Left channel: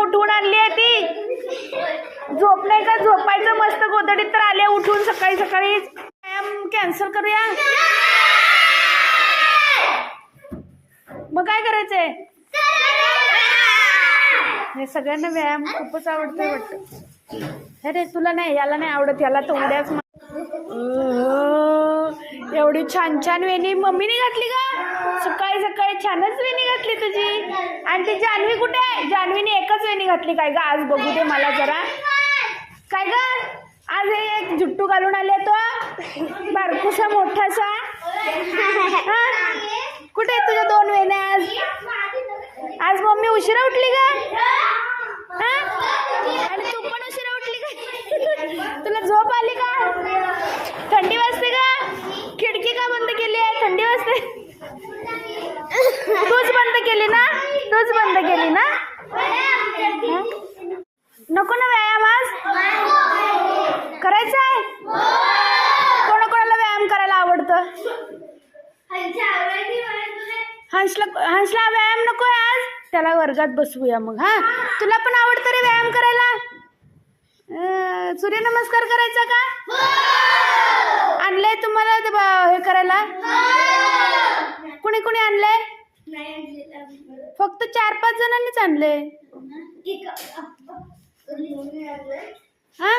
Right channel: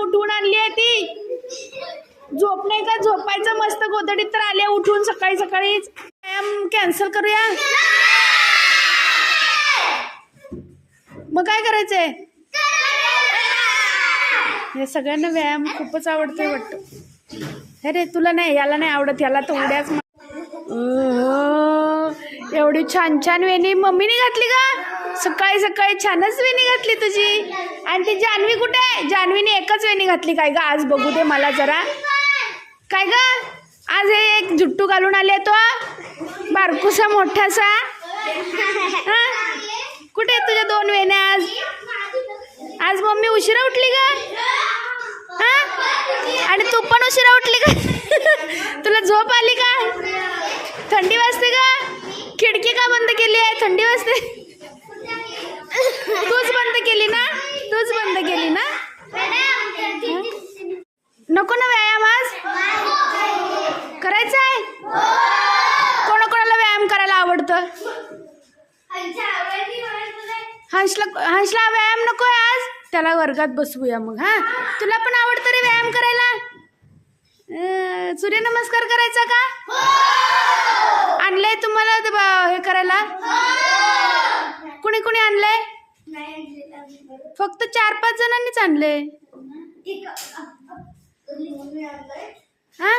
उठवून आणली आहे ती. झोप नाही का? झोपायचं मस्त गोदडीत तर आले उठून सकाळी सकाळीच. व्यायाम कॅन्सल करूया. मग काय करायचंय? हे सगळ्यांना व्यायाम खूपच आवडतोय वाटतं. अरे तुला नाही, याला नाही आवडत, याला तर उड्याच. एवढी छान छान वेणी मम्मीने घातली का? सकाळी सकाळी छानच वेणी घातली तुझी. आणि ती जान्हवी कुठे आहे? जान्हवीने एकच वेणी घातली काय ग? आज बघू दे मला जरा. काय ग आज हे एक जुट्टू घालून आले तो बारकूसा मोठासा. कुठे आहेत तुझ्या दोन वेण्या? आज मम्मी उशिरा उठली का? आणि तू पण उशिरा उठली का? तुला झोप आली का? थंडी वाजते का? खिडकी का बंद केली आहे? थंडी वाजते. तूच बंद केली ना? तूच बंद केली ना? नको ना व्यायाम आज? करायचा आहे? कोणाकोणाला व्यायाम करायला आवडतं? हंसला व्यायाम नको आहे आज? त्याला वर्गात बसवूया मग. हा, तुला पण आवडतं रे व्यायाम करायला? सूर्यनमस्कार करायचा का? आणलंय तुम्हाला हे करायला? कुणी कुणी आणलंय? फक्त 4-5 जणांनीच आणले. हा,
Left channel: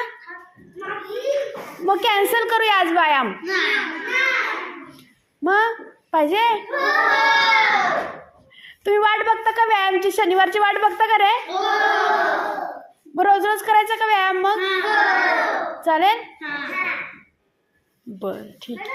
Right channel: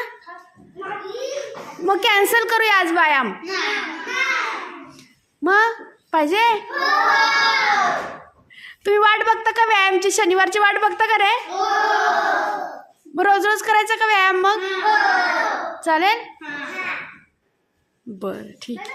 मग कॅन्सल करूया आज व्यायाम. मग पाहिजे? तुम्ही वाट बघता का व्यायामची? शनिवारची वाट बघता का रे? मग रोज रोज करायचा का व्यायाम? मग चालेल. बरं ठीक आहे.